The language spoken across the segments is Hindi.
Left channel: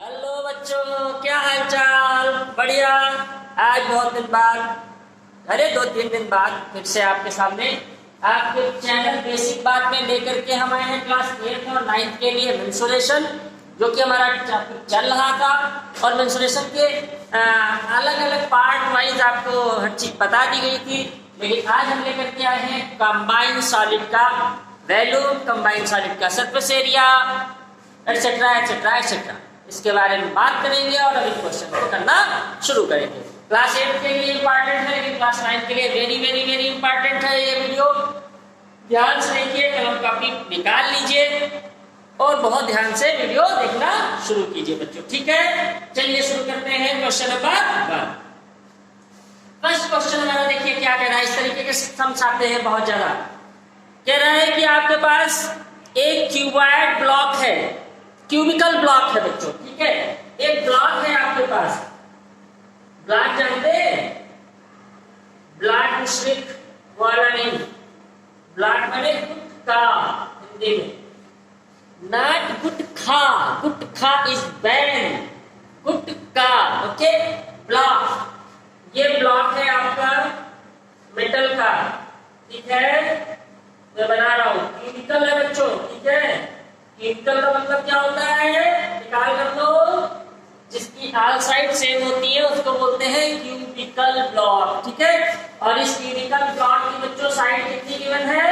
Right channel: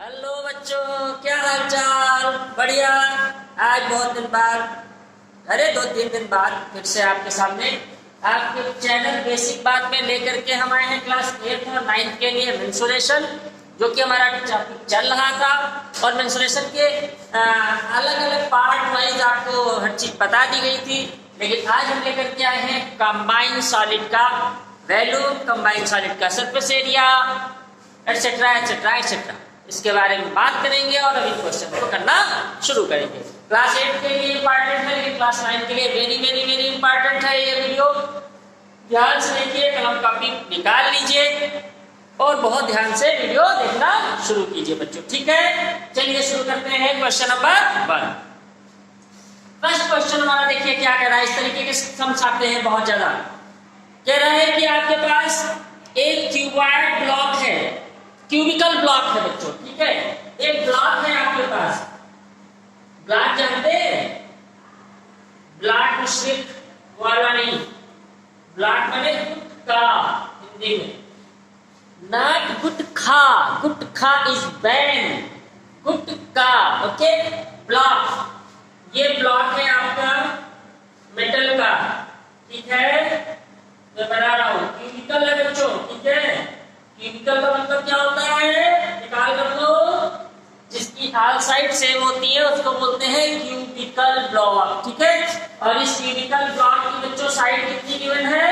हेलो बच्चों, क्या हाल चाल? बढ़िया। आज बहुत दिन बाद, अरे 2-3 दिन बाद फिर से आपके सामने आपके चैनल बेसिक बात में लेकर के हम आए हैं क्लास 8th और 9th के लिए मेंसुरेशन, जो कि हमारा टॉपिक चल रहा था। और मेंसुरेशन के अलग अलग पार्ट वाइज आपको हर चीज बता दी गई थी, लेकिन आज हम लेकर के आए हैं कंबाइंड सॉलिड का वैल्यूम, कंबाइंड सॉलिड का surface area, etcetera etcetera etcetera. इसके बारे में बात करेंगे और अभी क्वेश्चन को करना शुरू करेंगे। क्लास 8 के लिए इंपॉर्टेंट है, लेकिन क्लास 9 के लिए वेरी वेरी वेरी इंपॉर्टेंट है ये वीडियो। ध्यान से देखिए, कलम कॉपी निकाल लीजिए और बहुत ध्यान से वीडियो देखना शुरू कीजिए बच्चों, ठीक है? चलिए शुरू करते हैं क्वेश्चन नंबर 1। फर्स्ट क्वेश्चन हमारा देखिए क्या कह रहा है। इस तरीके के समझाते हैं बहुत ज्यादा। कह रहा है कि आपके पास एक क्यूबॉइड ब्लॉक है, क्यूबिकल ब्लॉक है बच्चों, ठीक है? एक ब्लॉक है आपके पास। ब्लॉक जानते हैं? ब्लॉक मिश्रित वाला नहीं, ब्लॉक माने गुटखा हिंदी में, not gutkha. Gutkha is ban, gutkha, okay? Block, ये ब्लॉक है आपका मेटल का, ठीक है? मैं बना रहा हूं, क्यूबिकल है बच्चों, ठीक है? क्यूबिकल का मतलब क्या होता है? निकाल कर लो। जिसकी ऑल साइड सेम होती है उसको बोलते हैं क्यूबिकल ब्लॉक, ठीक है? और इस क्यूबिकल ब्लॉक की बच्चों साइड कितनी गिवन है?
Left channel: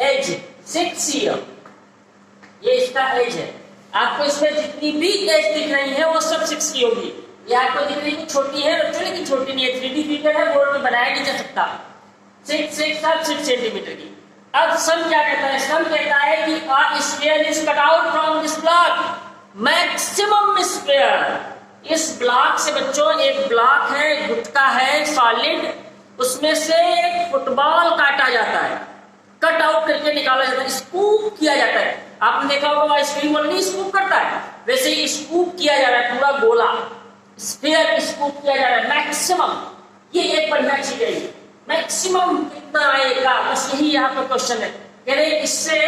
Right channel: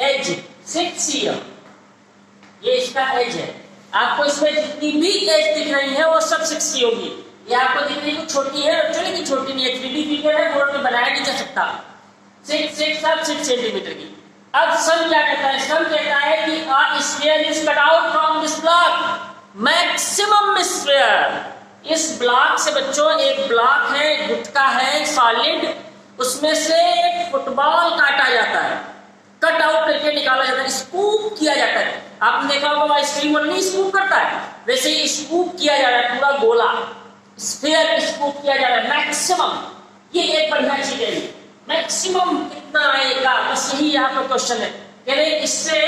एज 6 cm, ये इसका एज है। आपको इसमें जितनी भी एज दिख रही है वो सब 6 की होगी। ये आपको दिख रही है छोटी है बच्चों, लेकिन छोटी नहीं है, 3D फिगर है, बोर्ड में बनाया नहीं जा सकता। 6 सेंटीमीटर की। अब सम क्या कहता है? सम कहता है कि a sphere is cut out from this block, maximum sphere. इस ब्लॉक से बच्चों, एक ब्लॉक है, गुटका है सॉलिड, उसमें से एक फुटबॉल काटा जाता है, कट आउट करके निकाला जाता है, स्कूप किया जाता है। आपने देखा होगा आइसक्रीम वाला नहीं स्कूप करता है, वैसे ही स्कूप किया जा रहा है, पूरा गोला स्फीयर स्कूप किया जा रहा है मैक्सिमम। ये एक बढ़िया चीज है। मैक्सिमम कितना आएगा, बस यही यहाँ पर क्वेश्चन है। कह रहे इससे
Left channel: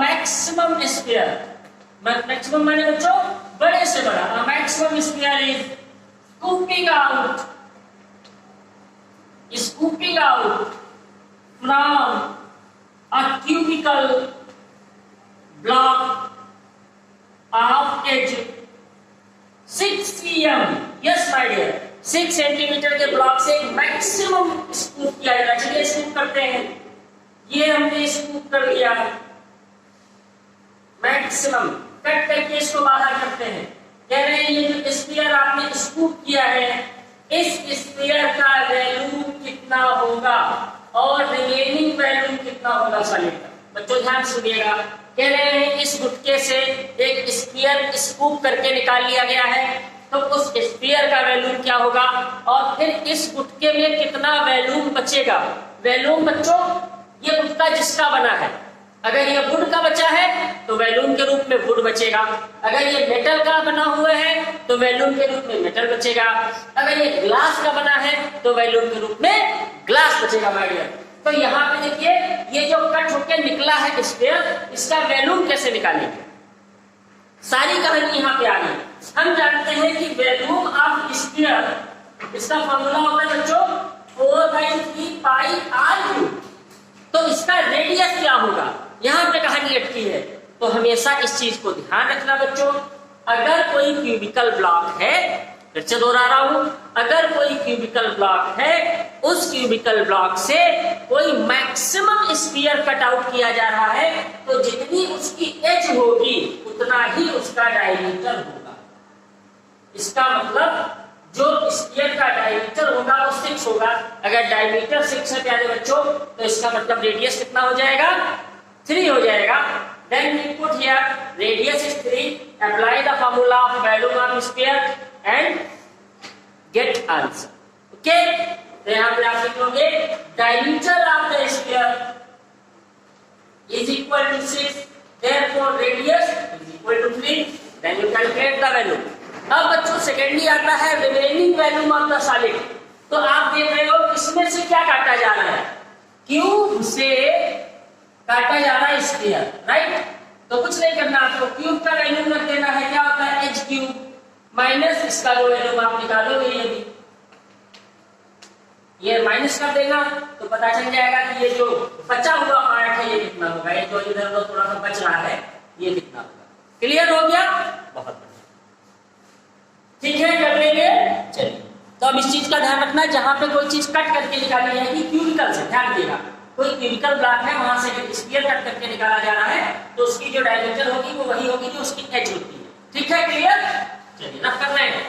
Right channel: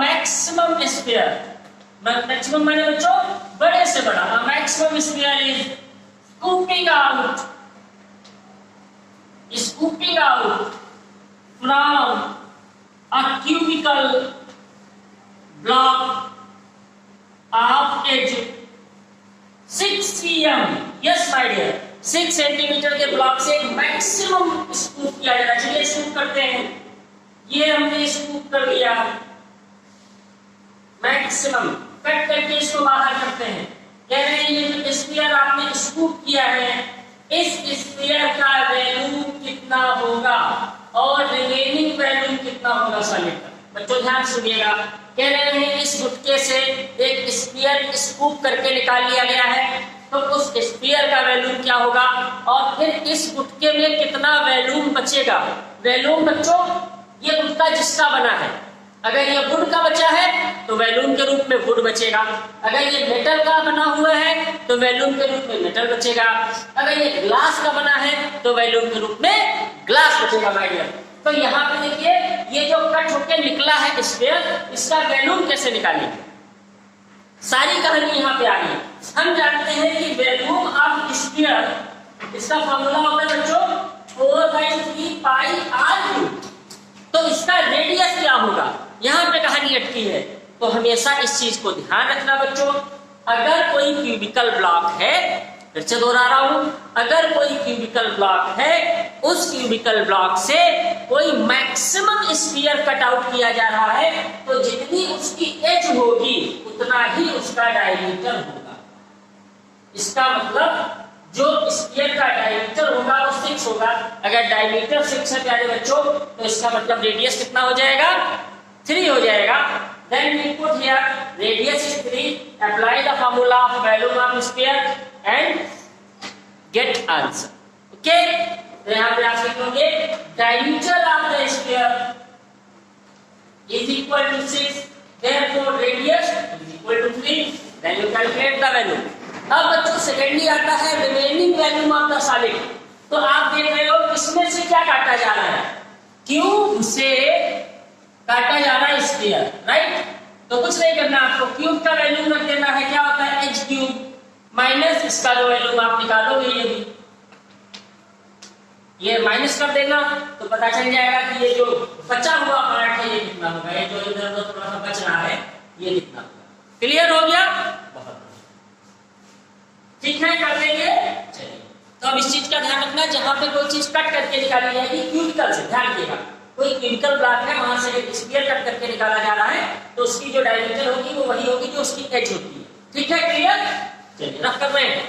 मैक्सिमम स्फीयर, मैक्सिमम माने बच्चों बड़े से बड़ा, maximum sphere is scooping out, scooping out from a cubical block of edge 6 cm। Yes my dear, 6 centimetre के ब्लॉक से मैक्सिमम स्कूप किया जाना चाहिए। स्कूप करते हैं, ये हमने स्कूप कर लिया, मैक्सिमम कट करके इसको बाहर करते हैं। कह रहे हैं ये जो स्फीयर आपने स्कूप किया है, इस स्फीयर का वैल्यू कितना होगा और रिमेनिंग वैल्यू कितना होगा सॉलिड का। बच्चों ध्यान सुनिएगा। कह रहे हैं इस गुटके से एक स्फीयर स्कूप करके निकाल लिया गया है, तो उस स्फीयर का वैल्यूम क्या होगा और फिर इस गुटके में कितना वैल्यूम बचेगा। वैल्यूम बच्चों ये गुटका जिसका बना है, अगर ये वुड का बचा है तो वैल्यूम के रूप में वुड बचेगा, अगर ये मेटल का बना हुआ है तो वैल्यूम के रूप में मेटल बचेगा, अगर ये ग्लास का बना है तो वैल्यूम के रूप में ग्लास बचेगा माय डियर। तो यहाँ पे देखिए ये जो कट होकर निकला है स्फीयर, इसका वैल्यूम कैसे निकालेंगे, सारी कहानी यहाँ पे आ गई। हम जानते हैं कि वैल्यूम ऑफ स्फीयर, इसका फॉर्मूला होता है बच्चों 4/3 पाई r³। तो इसका रेडियस क्या होगा, यहाँ पे कहानी अटकी है। तो हमेशा इस चीज को ध्यान रखना बच्चों। अगर कोई क्यूबिकल ब्लॉक है, फिर से दोहरा रहा हूं, अगर कोई क्यूबिकल ब्लॉक है, उस क्यूबिकल ब्लॉक से कोई मैक्सिमम स्फीयर कट आउट किया जा रहा है, तो जितनी उसकी एज होगी उतना ही उसका डायमीटर होगा। इसका मतलब जो स्फीयर का डायमीटर होगा वो 6 होगा। अगर डायमीटर 6 है प्यारे बच्चों, तो इसका मतलब रेडियस कितना हो जाएगा? 3 हो जाएगा। Then we put here radius is 3. Apply the formula of volume of sphere and get answer. Okay? तो यहाँ पे आप लिखोगे diameter of the sphere is equal to 6. Therefore radius is equal to 3. Then you calculate the value. अब बच्चों सेकेंडली आता है remaining volume of the solid. तो आप देख रहे हो किसमें से क्या काटा जा रहा है, क्यूब से काटा जा रहा है स्फीयर, राइट। तो कुछ नहीं करना आपको, क्यूब का वैल्यू रख देना है, क्या होता है एच क्यूब माइनस इसका जो वैल्यू आप निकालोगे ये माइनस कर देना तो पता चल जाएगा कि ये जो बचा हुआ पार्ट है ये कितना होगा, ये जो इधर उधर थोड़ा सा बच रहा है ये कितना होगा। क्लियर हो गया, बहुत बढ़िया, ठीक है कर देंगे। चलिए तो अब इस चीज का ध्यान रखना, जहां पे कोई चीज कट करके निकाली जाएगी क्यूबिकल से, ध्यान रखिएगा कोई क्यूबिकल ब्लॉक है वहां से स्फीयर कट करके निकाला जा रहा है तो उसकी जो डायमीटर होगी वो वही होगी जो उसकी एज होती है, ठीक है क्लियर। चलिए रख कर रहे हैं।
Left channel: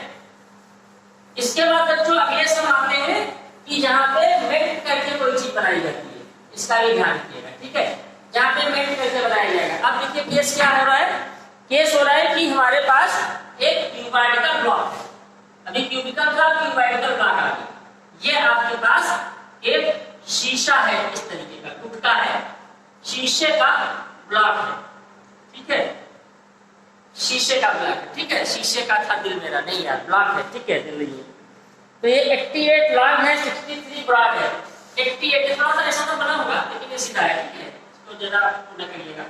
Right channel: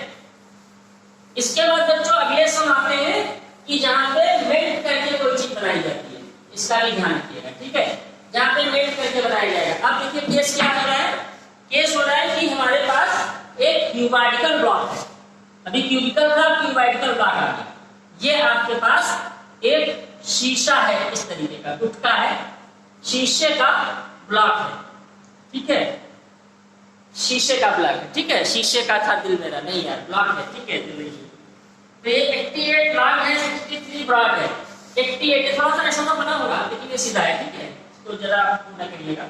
इसके बाद बच्चों अगले सम आते हैं कि जहां पे मेल्ट करके कोई चीज बनाई जाती है, इसका भी ध्यान रखिएगा, ठीक है। जहां पे मेल्ट करके बनाया जाएगा, अब देखिए केस क्या हो रहा है, केस हो रहा है कि हमारे पास एक क्यूबाइडिकल ब्लॉक है, अभी क्यूबिकल था क्यूबाइडिकल ब्लॉक आ गया, ये आपके पास एक शीशा है, इस तरीके का टुकड़ा है, शीशे का ब्लॉक है, ठीक है, शीशे का ब्लॉक है, ठीक है, शीशे का था दिल मेरा, नहीं यार ब्लॉक है, ठीक है दिल। तो ये 88 लॉन्ग है, 63 ब्रॉड है, 88 थोड़ा सा ऐसा तो बना होगा लेकिन ये सीधा है, ठीक है। तो जरा पूरा करिएगा,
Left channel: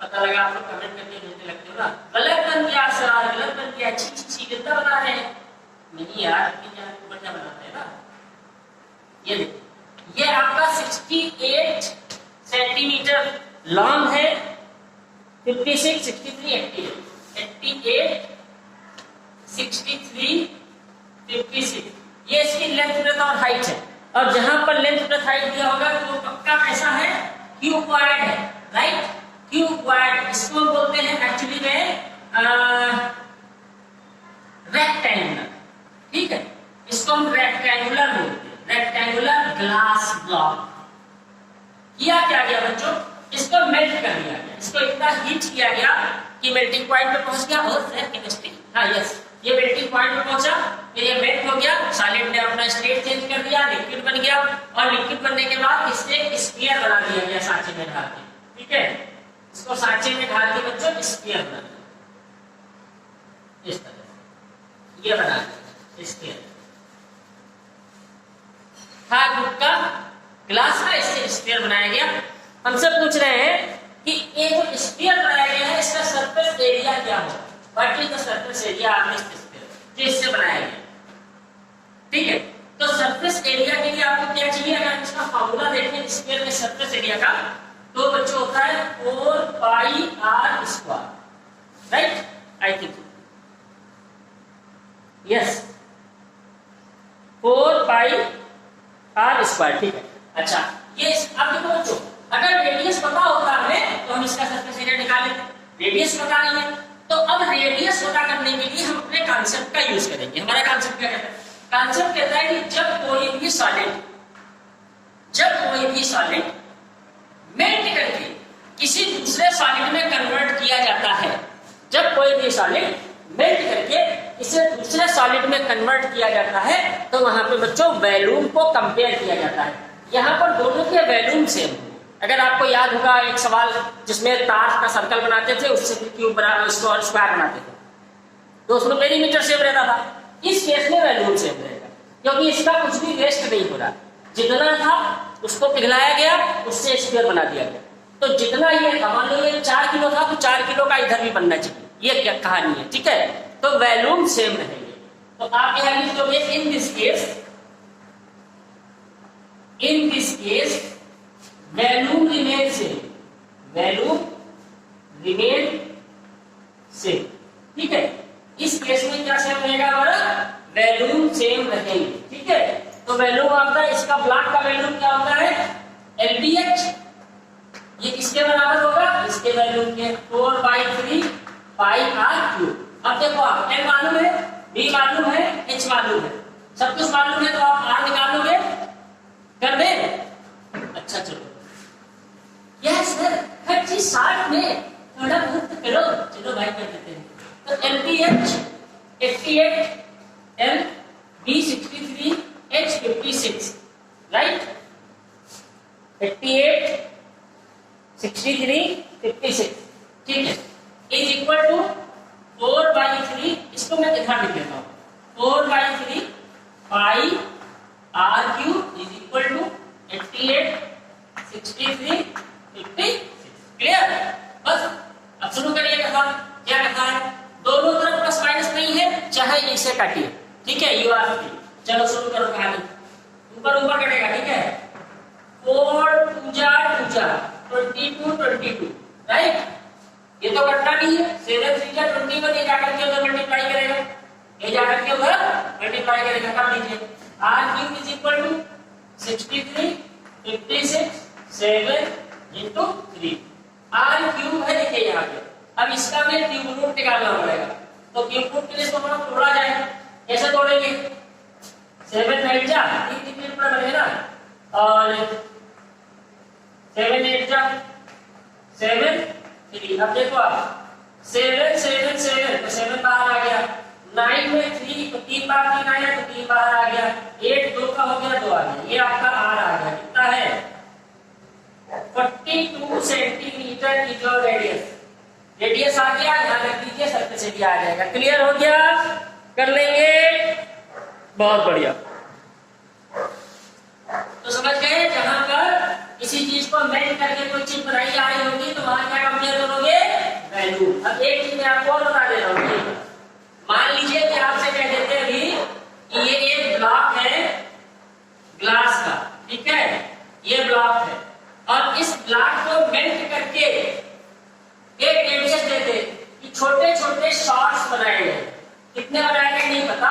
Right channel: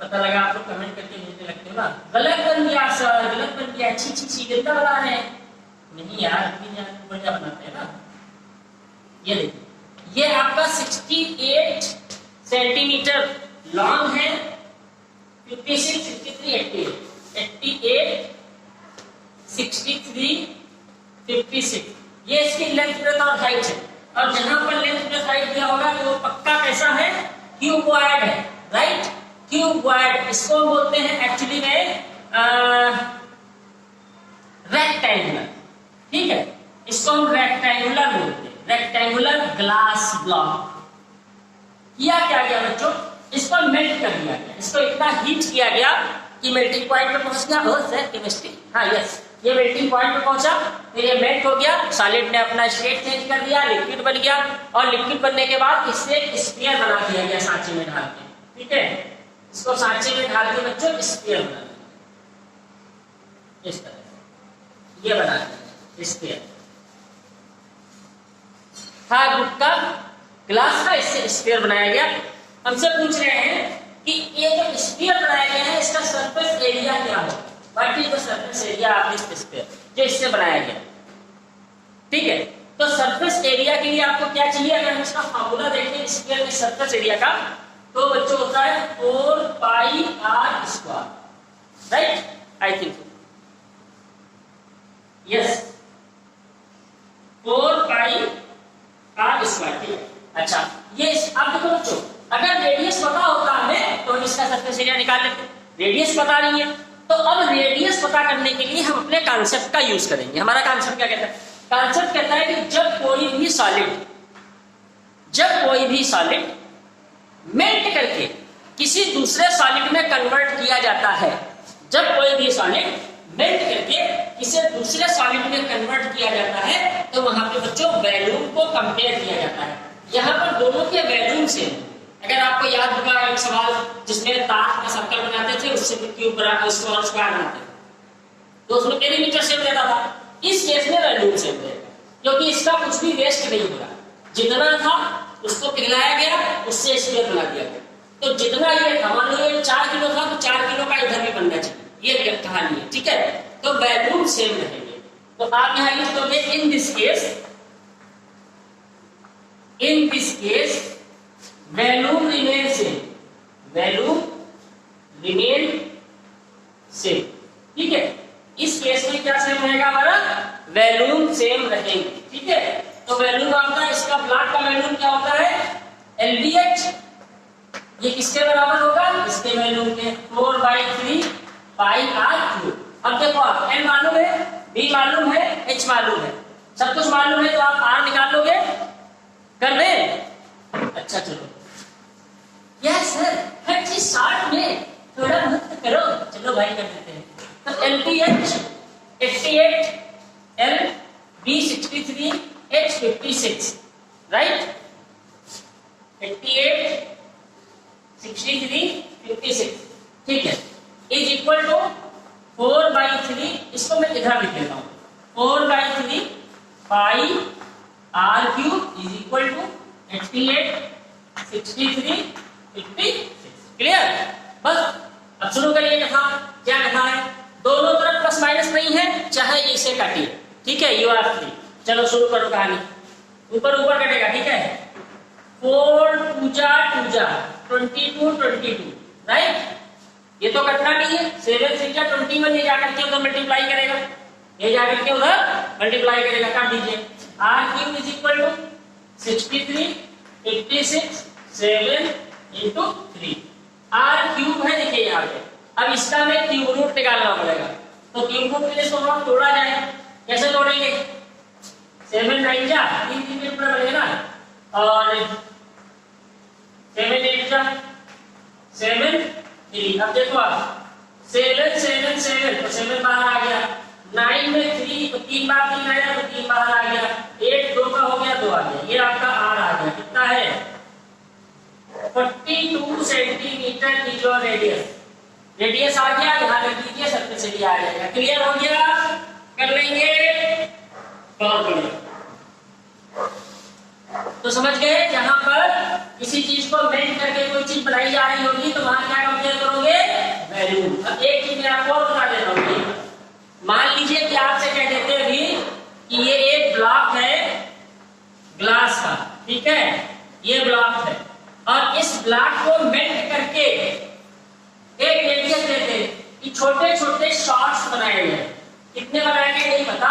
पता लगा आप लोग कमेंट करके भेजने लगते हो ना, गलत बन गया सर, गलत बन गया, अच्छी अच्छी गंदा बना है, नहीं यार अपनी जान बढ़िया बनाते हैं ना। ये देखिए ये आपका 68 सेंटीमीटर लॉन्ग है, 56, 63, 88, 63, 56 ये इसकी लेंथ ब्रेथ और हाइट है, और जहां पर लेंथ ब्रेथ हाइट दिया होगा तो वो पक्का कैसा है, क्यूबॉइड है, राइट, क्यूबॉइड। इसको हम बोलते हैं एक्चुअली में रेक्टेंगुलर, ठीक है, इसको हम रेक्टेंगुलर बोलते हैं, रेक्टेंगुलर ग्लास ब्लॉक। किया क्या गया बच्चों, इसको मेल्ट कर दिया गया, इसको इतना हीट किया गया कि मेल्टिंग पॉइंट पे पहुंच गया, और सर केमिस्ट्री, हाँ यस, ये मेल्टिंग पॉइंट पे पहुंचा, फिर ये मेल्ट हो गया, सॉलिड ने अपना स्टेट चेंज कर दिया, लिक्विड बन गया, और लिक्विड बनने के बाद इससे एक स्फीयर बना दिया गया सांचे में ढाल के, ठीक है, इसको सांचे में ढाल के बच्चों स्फीयर बना दिया, इस तरह ये बना दिया स्फीयर, था गुटका ग्लास का, इससे स्फीयर बनाया गया। हमसे पूछ रहे हैं कि ये जो स्फीयर बनाया गया है इसका सरफेस एरिया क्या है, what is the surface area of this sphere, जो इससे बनाया गया, ठीक है। तो सरफेस एरिया के लिए आपको क्या चाहिए, अगर हम इसका फार्मूला देखें स्फीयर के सरफेस एरिया का, तो बच्चों होता है 4 pi R square, right, I think yes 4 pi R square, ठीक है। अच्छा ये अब देखो बच्चों, अगर रेडियस पता होता हमें तो हम इसका सरफेस एरिया निकाल लेते, रेडियस पता नहीं है, तो अब रेडियस पता करने के लिए हम अपने कॉन्सेप्ट का यूज करेंगे। हमारा कॉन्सेप्ट क्या कहता है, कॉन्सेप्ट कहता है कि जब कोई भी सॉलिड मेल्ट करके किसी दूसरे सॉलिड में कन्वर्ट किया जाता है, जब कोई भी सॉलिड मेल्ट करके इसे दूसरे सॉलिड में कन्वर्ट किया जाता है तो वहां पे बच्चों वॉल्यूम को कंपेयर किया जाता है। यहाँ पर दोनों के वॉल्यूम सेम, अगर आपको याद होगा एक सवाल जिसमें तार का सर्कल बनाते थे उससे क्यूब स्क्वायर बनाते थे, तो उसमें पेरीमीटर सेम रहता था, इस केस में वॉल्यूम सेम रहेगा क्योंकि इसका कुछ भी वेस्ट नहीं हो रहा, जितना था उसको पिघलाया गया, उससे स्क्वायर बना दिया गया, तो जितना ये था, मान लो ये 4 किलो था तो 4 किलो का इधर भी बनना चाहिए, ये क्या कहानी है, ठीक है। तो वॉल्यूम सेम रहेंगे, तो आप यहां लिख दोगे in this case volume remain same, ठीक है। इस केस में क्या सेम रहेगा हमारा, वॉल्यूम सेम रहेंगे, ठीक है। तो वॉल्यूम आपका इसका ब्लॉक का वॉल्यूम क्या होता है, LBH, ये किसके बराबर होगा, इसके वॉल्यूम के 4/3 पाई आर क्यूब। अब देखो आप L मालूम है, B मालूम है, H मालूम है, सब कुछ मालूम है, तो आप R निकाल लोगे, कर दे, अच्छा चलो यस सर हर चीज साथ में थोड़ा बहुत करो, चलो भाई कर देते हैं। तो LBH 88, LB 63, H 56, राइट, 88, 63, 56, ठीक है, इज इक्वल टू 4/3, इसको मैं इधर लिख देता हूं, 4/3 पाई 88, 63, 56। क्लियर? बस अब शुरू करिए लिखा। क्या लिखा है? दोनों तरफ प्लस माइनस नहीं है, चाहे इसे काटिए। ठीक है, यू आर फ्री। चलो शुरू करो कहानी। ऊपर ऊपर कटेगा, ठीक है। 4 2 जा 22 22, राइट? ये तो कटना नहीं है। 7 3 जा 21, ये जाकर के उधर मल्टीप्लाई करेगा, ये जाकर के उधर मल्टीप्लाई करेगा। काट दीजिए। r cube is equal to 63 86 7 into 3। r cube है, देखिए यहाँ पे। अब इसका हमें क्यूब रूट निकालना पड़ेगा, तो क्यूब रूट के लिए इसको हम तोड़ा जाए। कैसे तोड़ेंगे? 7 9 जा 3 3 मिनट में बनेगा ना, और 7 8 जा 7 3। अब देखो आप 7 7 7 तो 7 बाहर आ गया। 9 में 3 तो 3 बार 3 आया तो 3 बाहर आ गया। 8 2 का हो गया, 2 आ गया। ये आपका r आ गया। कितना है? 42 centimetre is your radius. Radius आ गया, यहाँ रख दीजिए, सरफेस एरिया आ जाएगा। क्लियर हो गया? कर लेंगे, बहुत बढ़िया। तो समझ गए, जहां पर किसी चीज को मेल्ट करके कोई चीज बनाई जा रही होगी तो वहां क्या कंपेयर करोगे? वैल्यू। अब एक चीज मैं आपको और बता दे रहा हूँ। मान लीजिए कि आपसे कह देते अभी कि ये एक ब्लॉक है ग्लास का, ठीक है, ये ब्लॉक है, और इस ब्लॉक को मेल्ट करके एक रेडियस देते कि छोटे छोटे शॉट्स बनाए गए। कितने बनाए गए नहीं पता,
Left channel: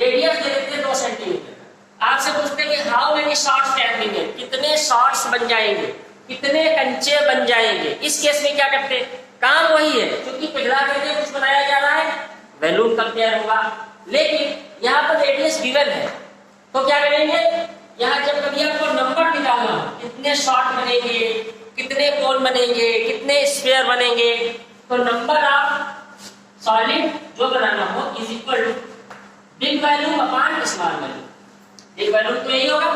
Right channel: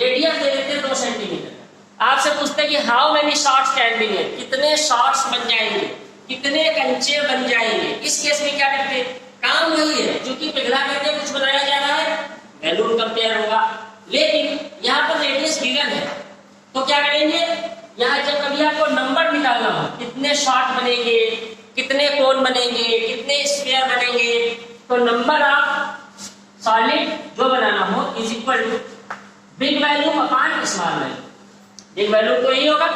रेडियस दे देते 2 सेंटीमीटर। आपसे पूछते कि how many shots can be made, कितने शॉट्स बन जाएंगे, कितने कंचे बन जाएंगे। इस केस में क्या करते? काम वही है, क्योंकि पिघला करके कुछ बनाया जा रहा है, वैल्यूम कंपेयर होगा। लेकिन यहाँ पर रेडियस गिवन है, तो क्या करेंगे? यहाँ जब कभी आपको नंबर निकालना हो, कितने शॉट बनेंगे, कितने कोन बनेंगे, कितने स्क्वायर बनेंगे, तो नंबर आप सॉलिड जो बनाना हो is equal to big value upon small value. Big value तो यही होगा,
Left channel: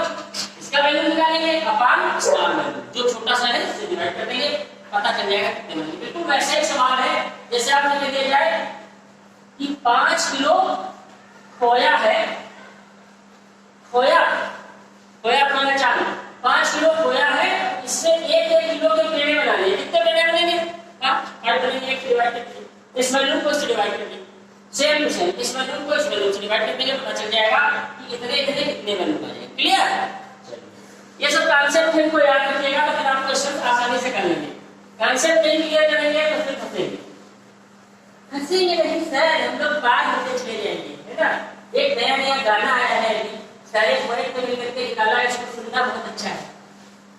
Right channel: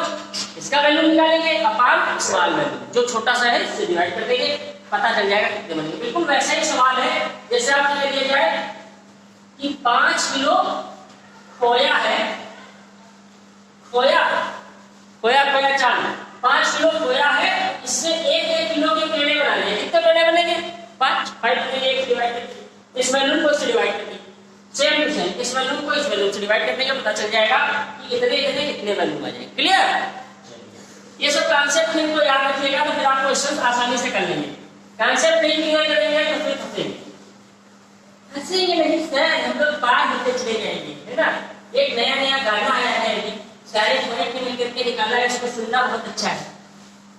इसका वैल्यू निकालेंगे अपॉन स्मॉल वैल्यू, जो छोटा सा है इससे डिवाइड कर देंगे, पता चल जाएगा कितने बनेंगे। बिल्कुल वैसे ही सवाल है जैसे आपने लिया जाए कि 5 किलो खोया है, खोया चावल 5 किलो खोया है, इससे 1 किलो के पेड़े बनाने हैं। कितने पेड़े बनेंगे? 5 बनेंगे। एक डिवाइड करके इस वैल्यू को इससे डिवाइड कर दिया, सेम टू सेम इस वैल्यू को इस वैल्यू से डिवाइड करने के पता चल जाएगा कि इतने इतने कितने वैल्यू बनेंगे। क्लियर? ये सब कॉन्सेप्ट इनको याद रखिएगा तो फिर आप क्वेश्चन आसानी से कर लेंगे। कॉन्सेप्ट नहीं क्लियर करेंगे तो फिर फंसेंगे नहीं सर, हम लोग बात होते चले जाएंगे, है ना। एक नया नया गाना आया है, सारे पोएट को मिलकर के निकाला है, उसको सुनना बहुत अच्छा है।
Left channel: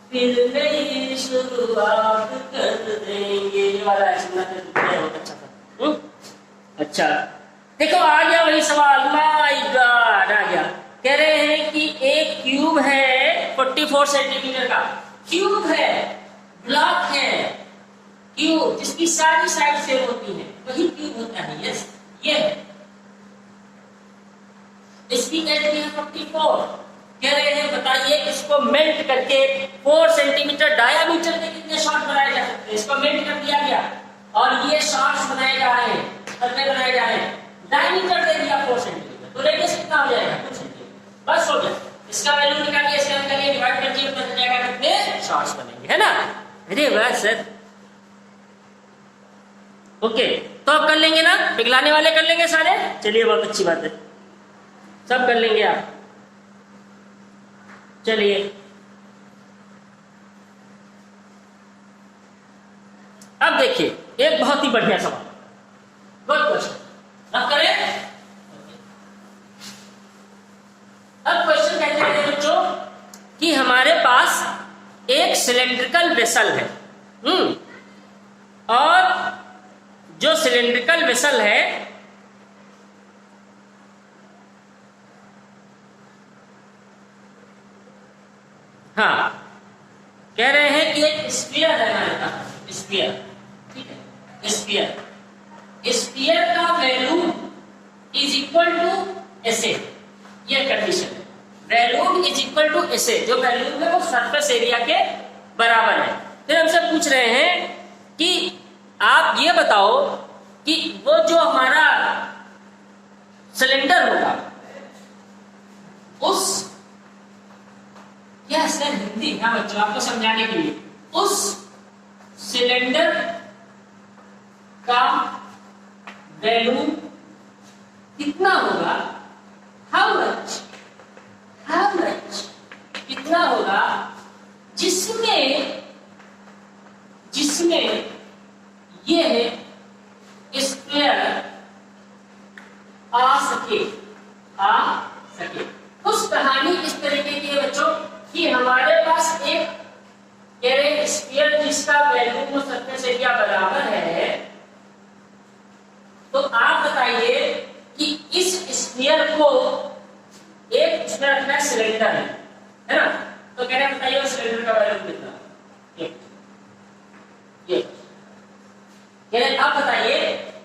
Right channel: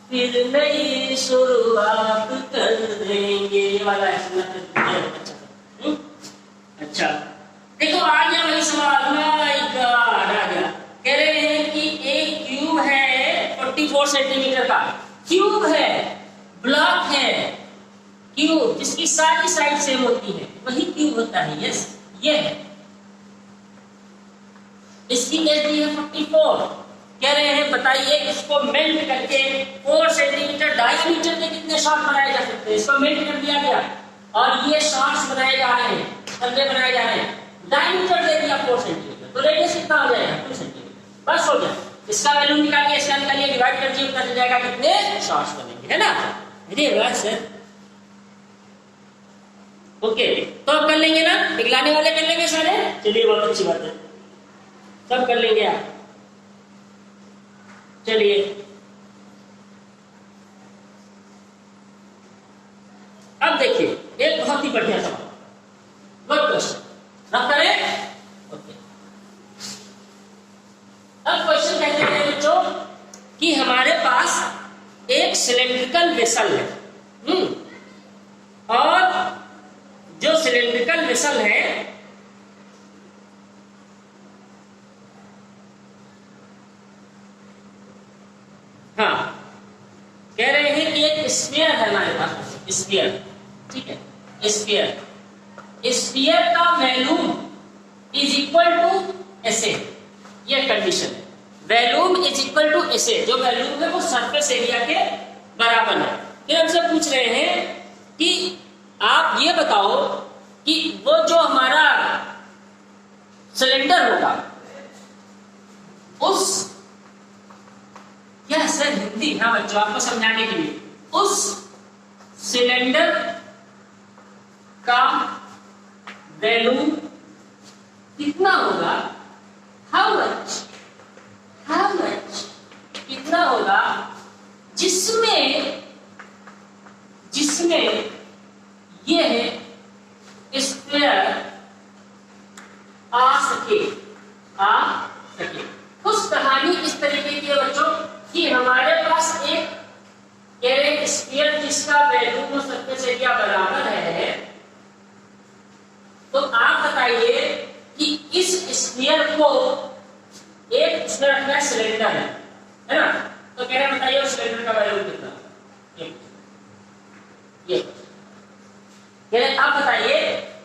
फिर नई शुरुआत कर देंगे, ये वाला है, सुनना तो बहुत अच्छा था। अच्छा देखो आ गया वही सवाल, माय गॉड आ गया। कह रहे हैं कि एक क्यूब है 44 सेंटीमीटर का, क्यूब है, ब्लॉक है, क्यूब जिसकी सारी साइड सेम होती है वही क्यूब होता है। यस, ये है, इसकी एरिया है 44। कह रहे हैं बताइए इसको मेल्ट करके 4 सेंटीमीटर डायामीटर के कितने शॉट बनाए जा सकते हैं। इसको मेल्ट कर दिया गया और ये शॉट्स बनाए जा रहे हैं, करके बनाए जा रहे हैं। डायमीटर दे दिया 4 सेंटीमीटर, तो रेडियस कितना हो जाएगा? 2 सेंटीमीटर। बस हो गया। इसका वैल्यू निकालिए, इसका निकालिए, डिवाइड कर दिए, पता चल जाएगा कितने शॉट्स बनेंगे, है ना। अरे वाह सर, ओके। तो अब कर लेंगे ना, पिघलाने वाले कर लेंगे सारे। चलिए बहुत अच्छी बात है, सब कर लेंगे आप। चलिए अब देखिए एक बहुत ही बढ़िया सवाल, गुड क्वेश्चन, रख करें। ओके, अब क्वेश्चन कहते हैं बच्चों कि हमारे पास एक सिलेंड्रिकल वेसल है, और जो सिलेंड्रिकल वेसल है हाँ, कह रहे हैं कि एक स्फीयर है हमारे पास, स्फीयर, ठीक है, स्फीयर। स्फीयर का वैल्यूम इज इक्वल टू एसे, ये कंडीशन है। वैल्यूम इज इक्वल टू एसे, जो वैल्यूम है वो सरफेस एरिया के बराबर है। फिर हमसे पूछ रहे हैं कि आप ये बताओ कि वो जो हमारा सिलेंडर होगा क्या सर हिंदी? हाँ बच्चों, आपको समझाने के लिए, उस सिलेंडर का वॉल्यूम कितना होगा, हाउ मच कितना होगा जिसमें यह स्क्वायर आ सके। कुछ कहानी इस तरीके की है बच्चों कि हमारे पास एक कह रहे स्फीयर जिसका वॉल्यूम और सरफेस एरिया बराबर है, तो आप बताइए कि इस स्फीयर को एक इसमें रखना है, सिलेंडर है ना, तो कह रहे हैं बताइए उस सिलेंडर का वॉल्यूम कितना। ये कह रहे आप बताइए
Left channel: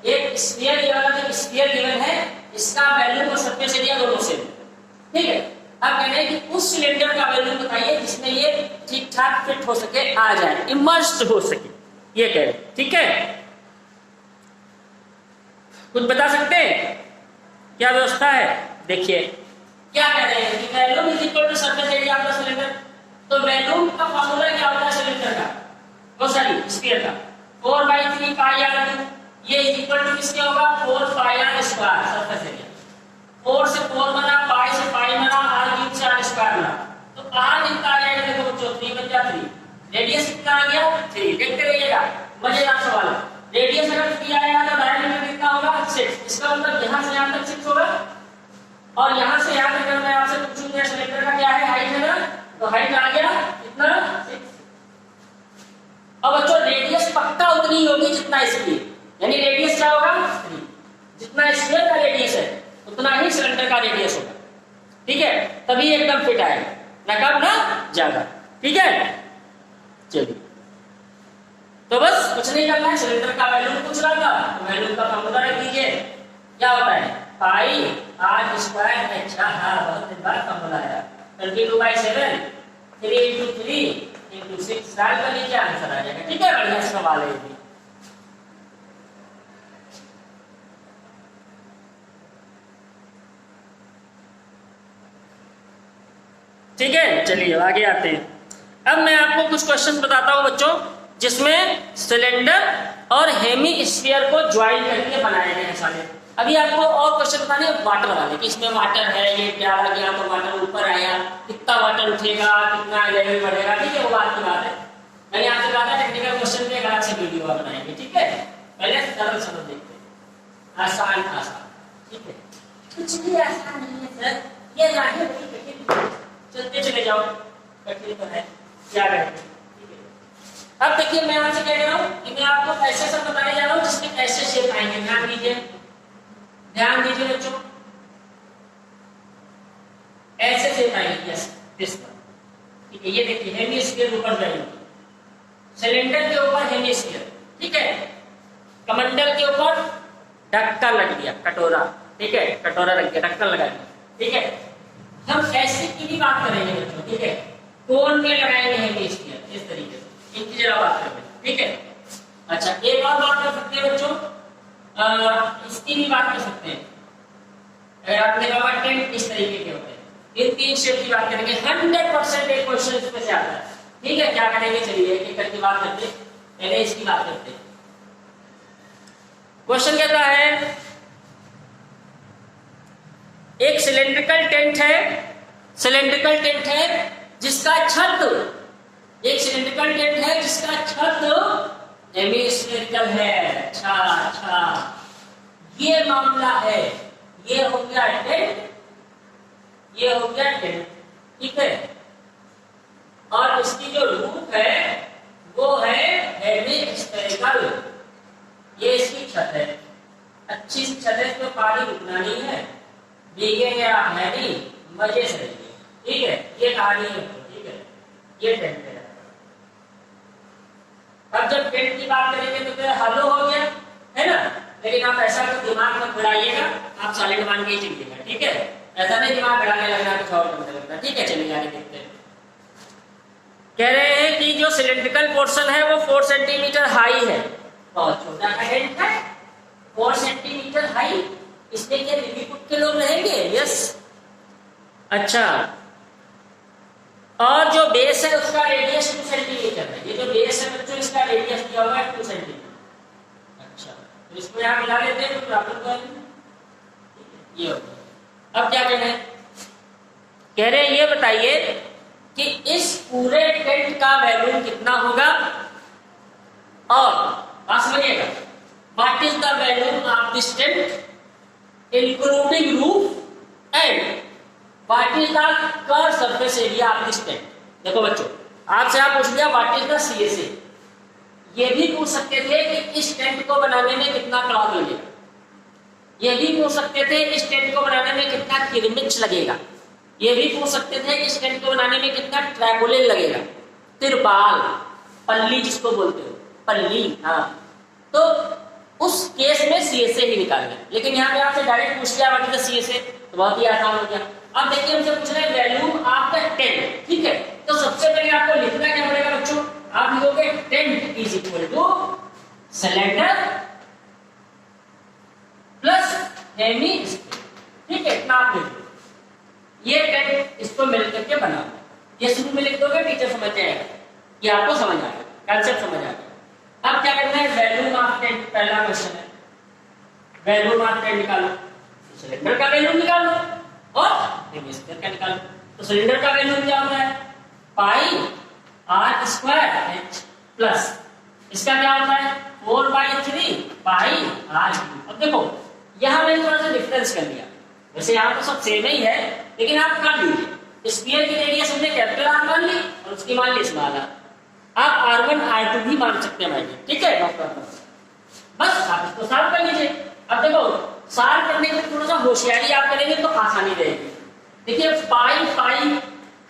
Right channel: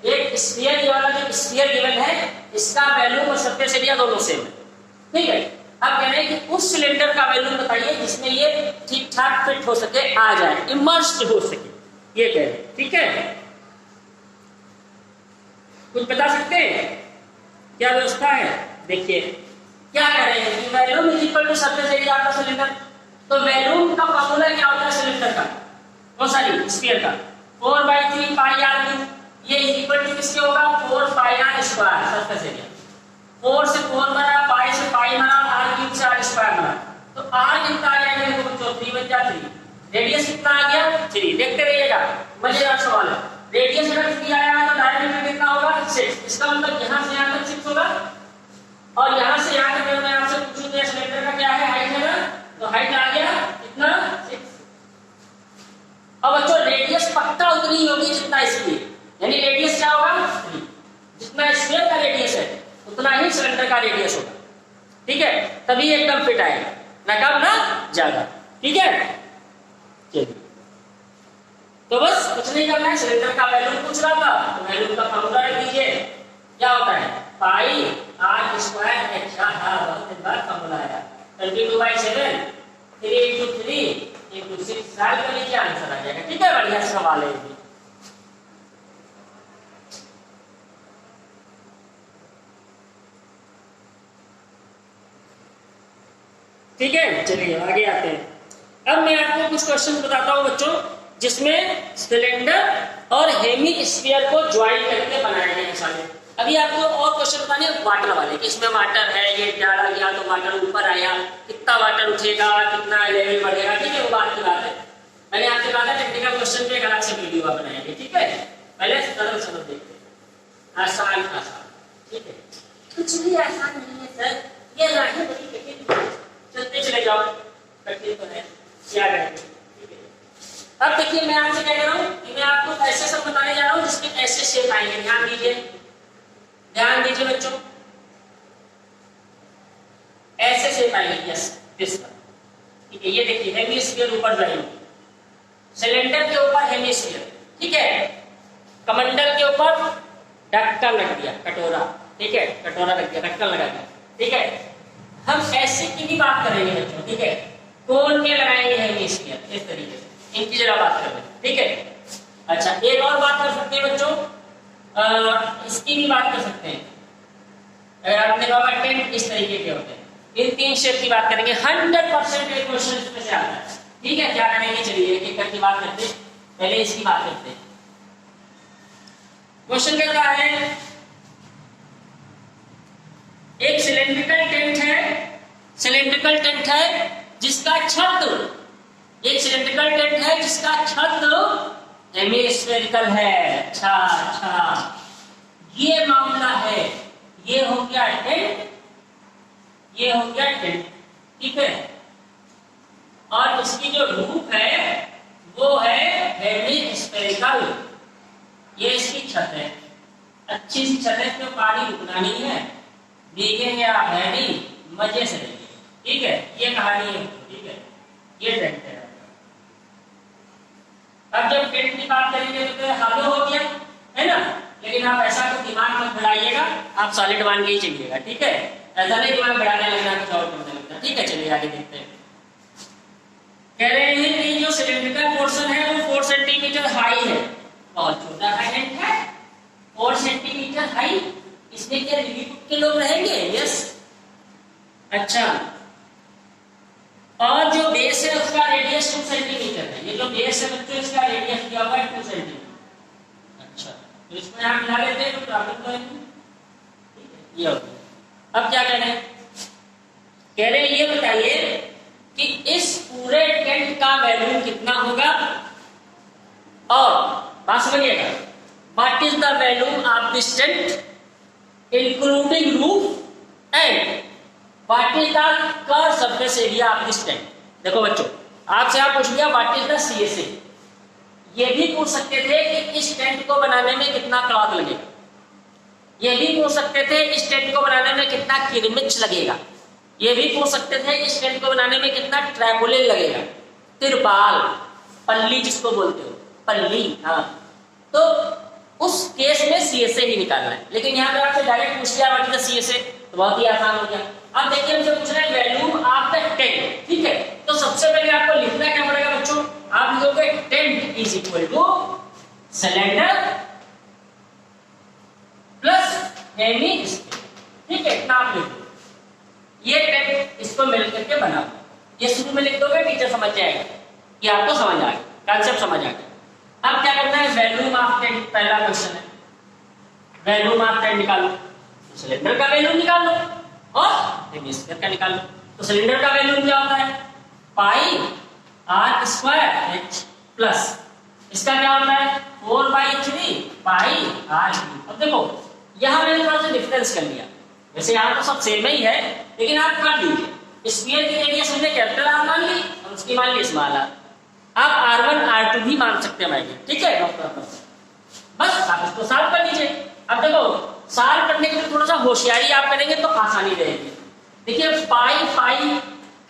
एक स्फीयर, ये वाला जो स्फीयर गिवन है इसका वॉल्यूम और सरफेस एरिया दोनों सेम है, ठीक है। अब कह रहे हैं कि उस सिलेंडर का वॉल्यूम बताइए जिसमें ये ठीक ठाक फिट हो सके, आ जाए, इमर्स्ड हो सके, ये कह रहे हैं, ठीक है। कुछ बता सकते हैं क्या व्यवस्था है? देखिए क्या कह रहे हैं कि volume is equal to surface area of the cylinder. तो वॉल्यूम का फॉर्मूला क्या होता है सिलेंडर का, और सॉरी स्फीयर का, 4/3 पाई आर क्यूब। ये इक्वल टू किसके होगा, 4 pi R square surface area. 4 से 4 बना, पाई से पाई बना, आर क्यूब से आर स्क्वायर बना, तो आर कितना आ जाएगा देखो बच्चों, 3 बच गया 3, रेडियस कितना आ गया 3। देखते रहिएगा, मजेदार सवाल है। रेडियस अगर 3 आया तो डायमीटर कितना होगा 6। इसका मतलब यहां से यहां तक 6 होगा, और यहां से यहां तक अगर मैं आपसे पूछूं कि सिलेंडर का क्या है हाइट है ना, तो हाइट आ गया कितना 6। अब बच्चों रेडियस पक्का उतनी ही होगी जितना इसकी, यानी रेडियस क्या होगा 3, जितना स्फीयर का रेडियस है उतना ही सिलेंडर का रेडियस होगा, ठीक है। तभी एकदम फिट आएगा, ना कम ना ज्यादा, ठीक है। चलिए तो बस कुछ नहीं करना है, सिलेंडर का वॉल्यूम पूछ रहा था तो वॉल्यूम का फॉर्मूला रख दीजिए, क्या होता है पाई आर स्क्वायर एच। हाँ बहुत दिन बाद फॉर्मूला आया, 22/7 3 × 3 × 6 सॉल्व कर लीजिए, आंसर आ जाएगा, ठीक है। बढ़िया सवाल है ये। ठीक है, चलिए आगे आते हैं। अब मैं आपको कुछ क्वेश्चन बताता हूं बच्चों जिसमें सिलेंडर और हेमी स्फीयर को ज्वाइन करके बनाए गए हैं सारे। अभी आपको और क्वेश्चन बताने वाटर वाले कि इसमें वाटर है, ये डाला गया तो वाटर ऊपर आया, कितना वाटर उठेगा, कितना लेवल बढ़ेगा, ठीक है, वो बात की बात है। मैंने आपसे कहा था टेक्निकल क्वेश्चन पे एक अलग से वीडियो बनाएंगे, ठीक है। पहले सरल सरल देखते हैं, आसान आसान, ठीक है। कुछ भी आसान नहीं है सर, ये राही बड़ी कठिन, चलते चले जाओ, कठिन तो है क्या करेंगे। अब देखिए मैं आपसे क्या कह रहा हूं कि मैं आपको ऐसे सब बताने जा रहा हूं जिसमें ऐसे शेप आएंगे, ध्यान दीजिए, ध्यान दीजिए बच्चों, ऐसे शेप आएंगे, यस दिस वन, ठीक है। ये देखिए हेमिस्फीयर ऊपर जाएंगे, सिलेंडर के ऊपर हेमिस्फीयर, ठीक है। कमंडल के ऊपर ढक्कन लग गया, कटोरा, ठीक है, कटोरा लग गया, ढक्कन लगा दिया, ठीक है। हम ऐसे की भी बात करेंगे बच्चों, ठीक है, कोन में लगाएंगे हेमिस्फीयर इस तरीके से, इनकी जरा बात करें, ठीक है। अच्छा एक और बात कर सकते हैं बच्चों, इसकी भी बात कर सकते हैं। अगर आपने कहा टेंट इस तरीके के होते हैं, इन 3 शेप की बात करेंगे, 100% एक क्वेश्चन इसमें से आता है, ठीक है। क्या करेंगे चलिए एक एक करके बात करते हैं, पहले इसकी बात करते हैं। क्वेश्चन कहता है एक सिलेंड्रिकल टेंट है, सिलेंड्रिकल टेंट है जिसका छत, एक सिलेंड्रिकल टेंट है जिसका छत हेमिस्फेरिकल है। अच्छा अच्छा, ये मामला है, ये हो गया टेंट, ये हो गया टेंट, ठीक है। और इसकी जो रूफ है वो है हेमिस्फेरिकल, ये इसकी छत है, अच्छी सी छत है, इसमें पानी रुकना नहीं है, भीगेंगे आप है नहीं, मजे से रहिए, ठीक है। ये कहानी है, ठीक है, ये टेंट है। अब जब टेंट की बात करेंगे तो हालो हो गया है ना, लेकिन आप ऐसा तो दिमाग मत बढ़ाइएगा, आप सॉलिड मान के ही चलिएगा, ठीक है। ऐसा नहीं दिमाग बढ़ाने लगना, कुछ और करने लगना, ठीक है। चलिए आगे देखते हैं। कह रहे हैं कि जो सिलेंड्रिकल पोर्शन है वो 4 सेंटीमीटर हाई है, बहुत छोटा सा टेंट है, 4 सेंटीमीटर हाई, इसमें क्या लिलीपुट के लोग रहेंगे? यस। अच्छा और जो बेस है उसका रेडियस 2 सेंटीमीटर है। ये जो बेस है बच्चों इसका रेडियस दिया हुआ है 2 सेंटीमीटर। अच्छा, तो इसको यहां मिला लेते हैं तो प्रॉब्लम तो है नहीं। ठीक है, ये हो गया। अब क्या कह रहे हैं, कह रहे हैं ये बताइए कि इस पूरे टेंट का वैल्यूम कितना होगा, और बात समझिएगा, what is the volume of this tent including roof and what is the curve surface area of this tent. देखो बच्चों, आपसे आप पूछ लिया व्हाट इज द सीएसए, ये भी पूछ सकते थे कि इस टेंट को बनाने में कितना क्लॉथ लगेगा, ये भी पूछ सकते थे इस टेंट को बनाने में कितना किरमिच लगेगा, ये भी पूछ सकते थे इस टेंट को बनाने में कितना ट्रैपोलिन लगेगा, तिरपाल, पल्ली जिसको बोलते हो, पल्ली। हाँ, तो उस केस में सीएसए ही निकालना है। लेकिन यहाँ पे आपसे डायरेक्ट पूछ लिया व्हाट इज द सीएसए, तो बहुत ही आसान हो गया। अब देखिए हमसे पूछ रहे हैं वैल्यूम ऑफ द टेंट। ठीक है, तो सबसे पहले आपको लिखना क्या पड़ेगा बच्चों, आप लिखोगे tent is equal to cylinder plus hemi square. ठीक है, इतना आप लिख दो, ये टेंट इसको मिल करके बना, ये शुरू में लिख दोगे, टीचर समझ जाएगा कि आपको समझ आ गया, कंसेप्ट समझ आ गया। अब क्या करना है, वैल्यूम ऑफ टेंट, पहला क्वेश्चन है वैल्यूम ऑफ टेंट निकालो, सिलेंडर का वैल्यूम निकालो और हेमी स्क्वायर का निकालो। तो सिलेंडर का वैल्यूम क्या होता है, पाई आर स्क्वायर एच प्लस, इसका क्या होता है 4/3 पाई आर। अब देखो यहां मैंने थोड़ा सा डिफरेंस कर लिया, वैसे यहाँ तो सब सेम ही है, लेकिन आप कर लीजिए, स्क्वायर की रेडियस हमने कैपिटल आर मान ली और उसकी मान ली स्मॉल आर। आप R1 R2 भी मान सकते हैं भाई, ठीक है, बस आप इसको सॉल्व कर लीजिए। अब देखो सॉल्व करने के लिए थोड़ा सा होशियारी आप करेंगे तो आसानी रहेगी। देखिए पाई पाई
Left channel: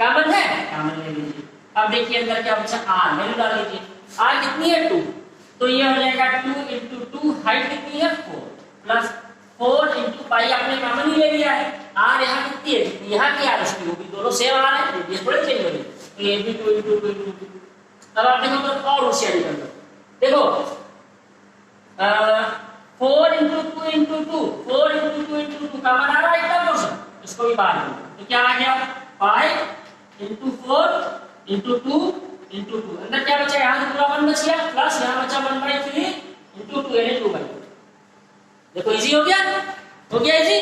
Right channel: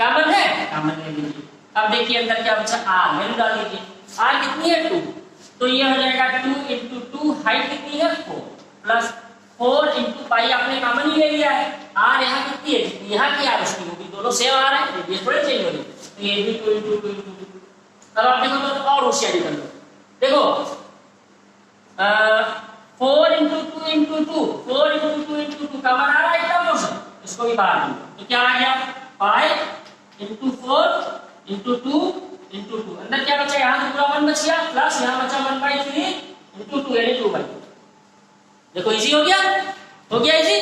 कॉमन है, कॉमन ले लीजिए। अब देखिए अंदर क्या बचा, आर वैल्यू डाल दीजिए, आर कितनी है 2, तो ये हो जाएगा 2 × 2, हाइट कितनी है 4 प्लस 4 × पाई आपने कॉमन ही ले लिया है, आर यहाँ कितनी है, यहाँ की आर उसकी होगी, दोनों सेम आर है, ये थोड़ी चेंज हो रही, ये भी 2 × 2 × 2। अब आप देखो तो और होशियारी कर लो, देखो 4 × 2 × 2, 4 × 2 × 2 कॉमन आ रहा है इतना पोर्शन, इसको भी बाहर दो तो क्या आ गया 5 × 4 × 2 × 2। अंदर क्या बचा, यहाँ से पूरा 1 बच गया प्लस यहाँ बचा 1/3 × 2 यानी 2/2। देखो इजी हो गया इजी,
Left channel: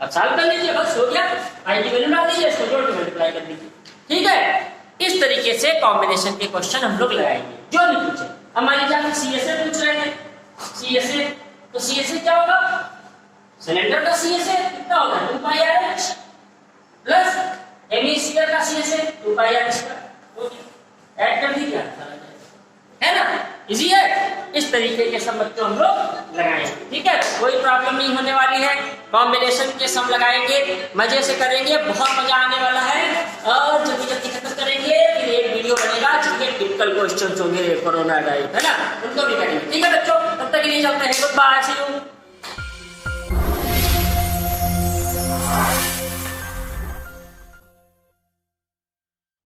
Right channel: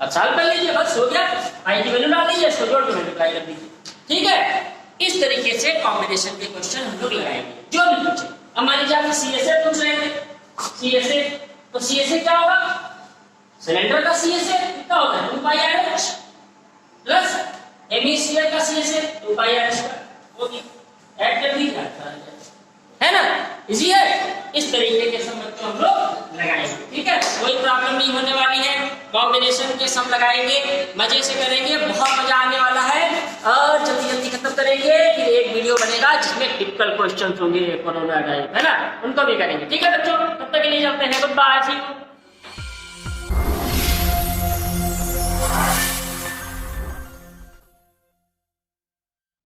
अब सॉल्व कर लीजिए, बस हो गया। आई की वैल्यू डाल दीजिए, इसको जोड़ के मल्टीप्लाई कर दीजिए। ठीक है, इस तरीके से कॉम्बिनेशन के क्वेश्चन हम लोग लगाएंगे जो भी पूछे। अब मान लीजिए आपसे सीएसए पूछ रहे थे, सीएसए तो सीएसए क्या होगा, सिलेंडर का सीएसए कितना होगा 2πr प्लस हेमी स्फीयर का सीएसए 2πr²। ओके, ऐड कर दीजिए, है ना, इजी है। इस तरीके के सब बच्चों हम लोग लगाएंगे। ठीक है, कोई प्रॉब्लम नहीं होने वाली है, कॉम्बिनेशन के सम लगाएंगे, मजे से करेंगे, बहुत मजा आने वाला है और जल्दी जल्दी खत्म करेंगे। फिर एक वीडियो बनेगा जिसमें टिपिकल क्वेश्चंस होंगे कोरोना टाइप, है ना, उनको भी करेंगे। ठीक है बच्चों, तब तक के लिए चलते हैं, गुड बाय, सी यू।